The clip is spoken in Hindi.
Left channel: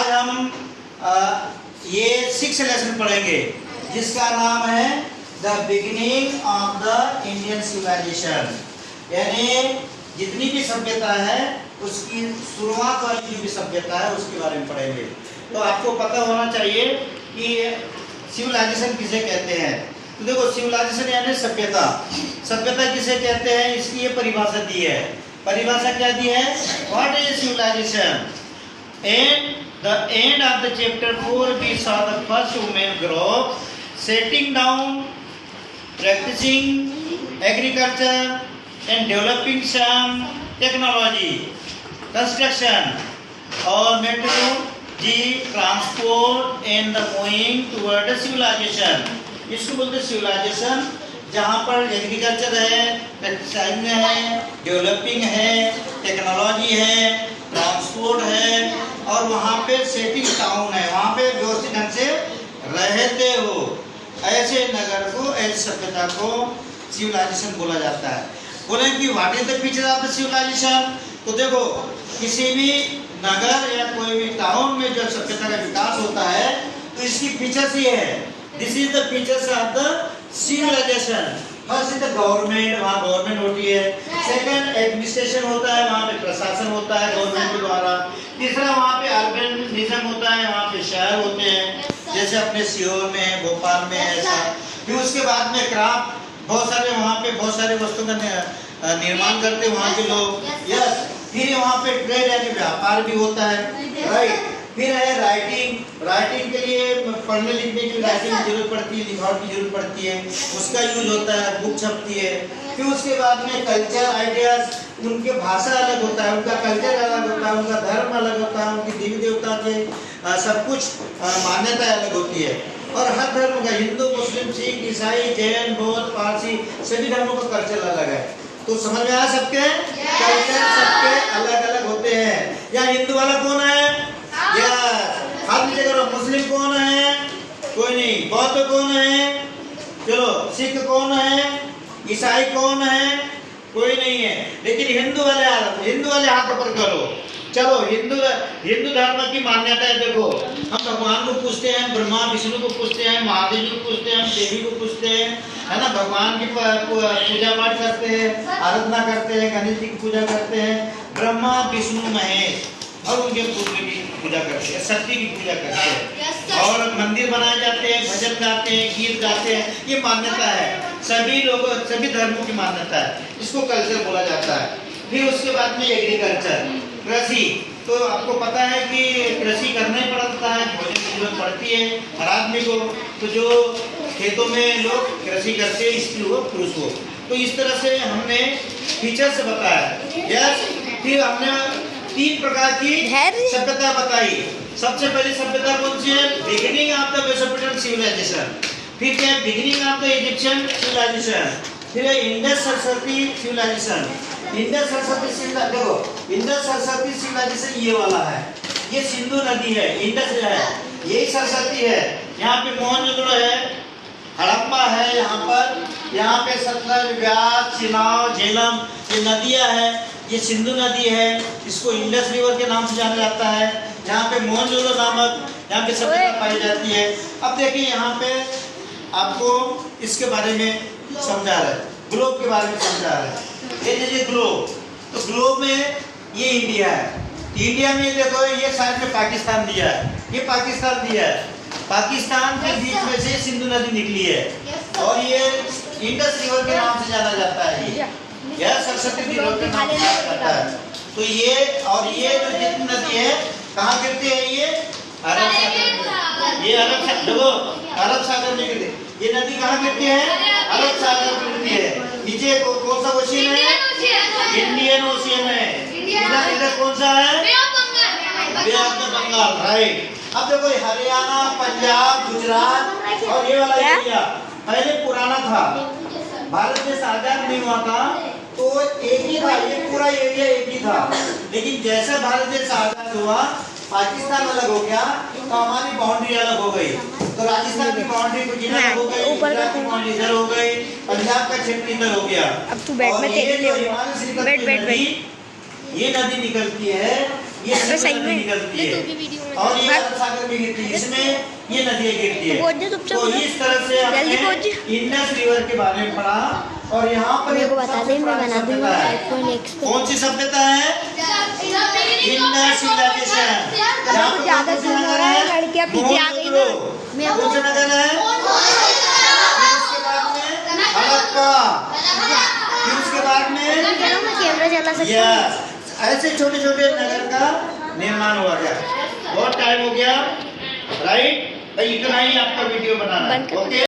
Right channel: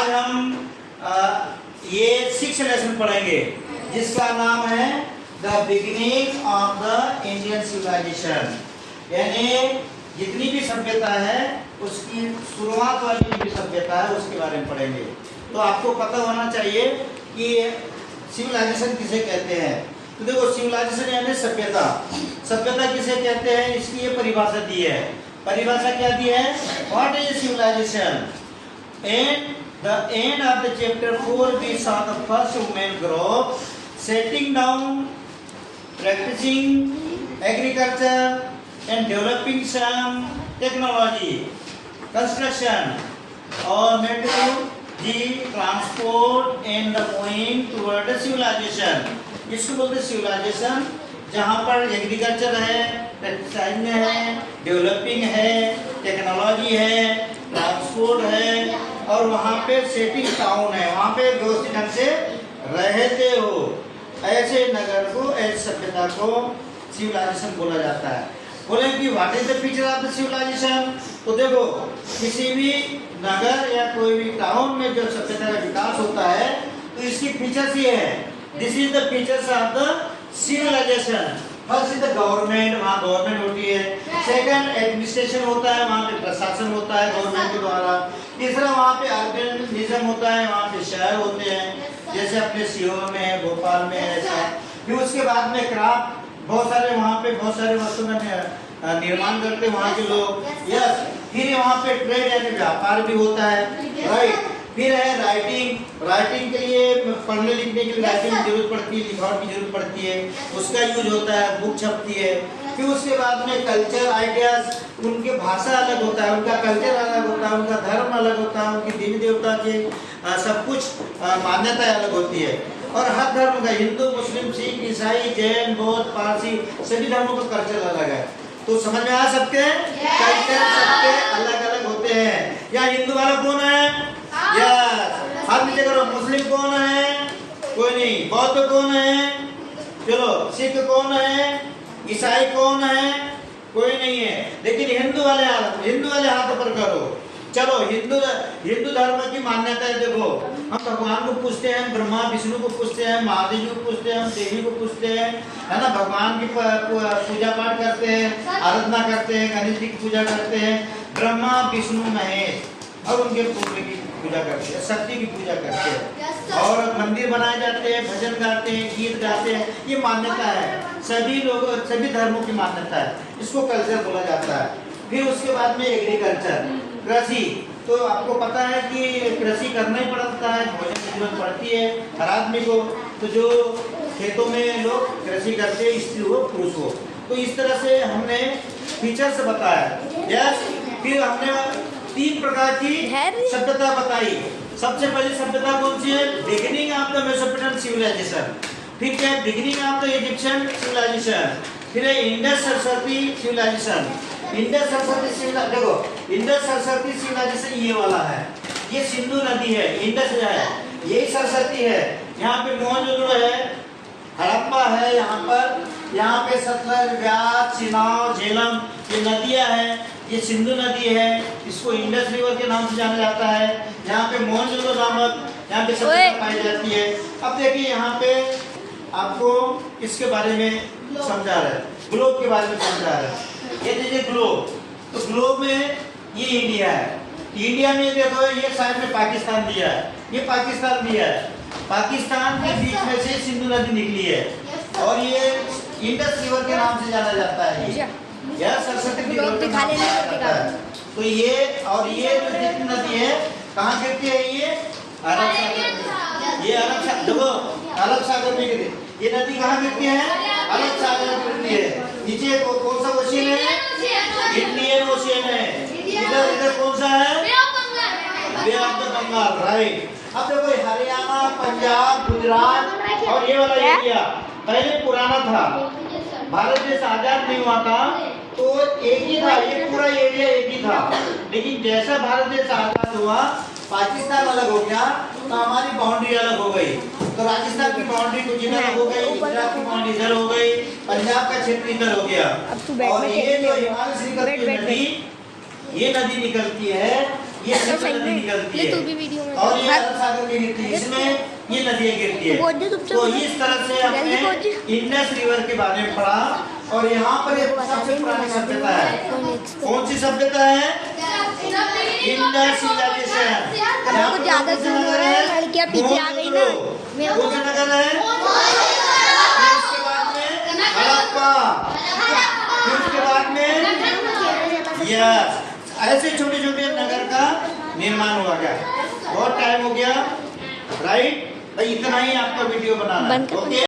आज हम ये 6 लेसन पढ़ेंगे जिसका नाम है the beginning of the Indian civilisation. यानी जितनी भी सभ्यता है उसकी शुरुआत वाली जो सभ्यता है उसके बारे में पढ़ेंगे। तो आपको पता होना चाहिए कि सिविलाइजेशन किसे कहते हैं। तो देखो, सिविलाइजेशन यानी सभ्यता। सभ्यता किसे कहते हैं, इसकी ये परिभाषा दी है। परिभाषा क्या दी है? What is civilization? And the end of the chapter 4 we saw the first women group setting down, practicing agriculture and developing some technology, construction or meteorology, transport and the moving toward civilization। इसको बोलते सिविलाइजेशन, जहाँ पर एग्रीकल्चर है, प्रैक्टिसिंग है, डेवलपिंग है, टेक्नोलॉजी है, ट्रांसपोर्ट है और वहाँ पे सेटिंग टाउन है, वहाँ पे व्यवस्थित ढंग से रहते हो। ऐसे नगर को, ऐसी सभ्यता को सिविलाइजेशन बोला जाता है। बोले कि what is the feature of the civilization? तो देखो, किसी भी नगर या कोई भी टाउन में जो सभ्यता का विकास होता है तो इसकी फीचर्स ये है। This is the features of the civilization. First is the government, वहाँ गवर्नमेंट होती है। सेकंड एडमिनिस्ट्रेशन होता है, वहाँ पे प्रशासन होता है गवर्नमेंट के द्वारा। तीसरा वहाँ पे अर्बनिज्म होता है, वहाँ पे शहर होते हैं, जैसे अपने सीहोर में है, भोपाल में है, ऐसा। फिर उसके बाद में क्राफ्ट, बहुत सारे वहाँ पे बहुत सारे वस्तुओं का निर्माण करते हैं वहाँ के लोग। यस, फिर वहाँ पे ट्रेड यानी व्यापार भी होता है, राइट। फिर है राइटिंग। राइटिंग के लिए, पढ़ने लिखने के लिए राइटिंग की जरूरत पड़ती है, लिखावट की जरूरत पड़ती है, उसका यूज होता है, बुक छपती है। फिर उसके बाद में कल्चर, आइडियाज, उनके भाषा अलग होता है, उनका कल्चर अलग होता है, उनका धर्म अलग होता है, उनकी देवी देवता के सब कुछ मान्यताएं अलग होती है। और हर धर्म का, हिंदू, मुस्लिम, सिख, ईसाई, जैन, बौद्ध, पारसी, सभी धर्मों का कल्चर अलग है। तो समझ में आया सबके? कल्चर सबके अलग अलग होते हैं। या हिंदू वाला कौन है? यस, हाथ नीचे करो। मुस्लिम कौन है? कोई नहीं। बौद्ध कौन है? चलो। सिख कौन है? ईसाई कौन है? कोई नहीं है। लेकिन हिंदू वाले हाथ पर करो। चलो, हिंदू धर्म की मान्यता है। देखो, हम भगवान को पूछते हैं, ब्रह्मा विष्णु को पूछते हैं, महादेव को पूछते हैं, हम देवी को पूछते हैं, है ना। भगवान की पूजा पाठ करते हैं, आराधना करते हैं, गणेश जी की पूजा करते हैं, ब्रह्मा विष्णु महेश और उनके पुत्र की पूजा करते हैं, शक्ति की पूजा करते हैं और मंदिर बनाए जाते हैं, भजन गाते हैं, गीत गाते हैं। ये मान्यता है, सभी लोगों, सभी धर्मों की मान्यता है। इसको कल्चर बोला जाता है। फिर उसके बाद में एग्रीकल्चर, कृषि। तो आपको पता है कि कृषि करना ही पड़ता है, भोजन की जरूरत पड़ती है हर आदमी को। तो जो खेतों में लोग कृषि करते हैं, स्त्री हो पुरुष हो। तो इस तरह से हमने फीचर्स बताया। यस, फिर हमने 3 प्रकार की सभ्यता बताई। सबसे पहली सभ्यता कौन सी है? Beginning of the Mesopotamian civilization. फिर क्या है? Beginning of the Egyptian civilization. फिर है इंडस सरस्वती सिविलाइजेशन। इंडस सरस्वती सिविलाइजेशन, देखो, इंडस सरस्वती सिविलाइजेशन ये वाला है, ये सिंधु नदी है, इंडस है, यही सरस्वती है। यहाँ पे मोहनजोदड़ो है, हड़प्पा है, यहाँ पे सतलज, व्यास, चिनाब, झेलम, ये नदियाँ हैं। ये सिंधु नदी है, इसको इंडस रिवर के नाम से जाना जाता है। यहाँ पे मोहनजोदड़ो नामक यहाँ पे सभ्यता पाई जाती है। अब देखिए, यहाँ पे आपको इसके बारे में समझा रहा है, ग्लोब के बारे में समझा रहा है। ये देखिए ग्लोब, तो ग्लोब में ये इंडिया है। इंडिया में देखो, ये साइड में पाकिस्तान दिया है, ये पाकिस्तान दिया है। पाकिस्तान के बीच में से सिंधु नदी निकली है और ये इंडस रिवर के नाम से जाना जाता है। यह सरस्वती रिवर के नाम से जाना जाता है। तो ये और ये जो जितनी नदी है कहाँ गिरती है? ये अरब सागर, ये अरब सागर, देखो अरब सागर में गिरती है। ये नदी कहाँ गिरती है? अरब सागर में गिरती है। नीचे कौन सा ओशियन है? इंडियन ओशियन है। इधर कौन सा है? बे ऑफ द बंगाल, राइट। अब देखो, हरियाणा, पंजाब, गुजरात और ये वाला एरिया पहले पुराना था। भारत देश आजाद नहीं हुआ था तो एक ही था, ये पूरा एरिया एक ही था। लेकिन जैसा भारत देश आजाद हुआ, पाकिस्तान अलग हो गया, तो हमारी बाउंड्री अलग हो गई। तो राजस्थान की बाउंड्री कुछ इधर हो गई, गुजरात की बाउंड्री इधर हो गई, पंजाब का क्षेत्र इधर हो गया। अब तू बैठ में ये नदी निकलती है ये अबे सही नदी में निकलती तू है भी वीडियो में और ये अरब सागर में गिरती है, इसमें ये नदियाँ गिरती है। पहुंच जा चुपचाप तो उधर। इस तरह से जल्दी पहुंच हमने जा। इंडस रिवर के बारे में पढ़ा और यहाँ पर मेरे एक को बता सबसे दे, मैं पुरानी बना सभ्यता दूंगा है। iPhone X पे। कौन सी सभ्यता है? इंडस सिविलाइजेशन। अब कुछ ज्यादा जूम हो रहा है, लड़कियां पीछे आ गई ना। कौन सा नगर है? फिर उसके बाद में हड़प्पा, फिर उसके बाद में कैमरा चला सकते यस, ऐसे छोटे छोटे नगर का निर्माण हुआ गया। बहुत टाइम हो गया, राइट? इतना ही आपका वीडियो बनाना है, बंद कर। ओके।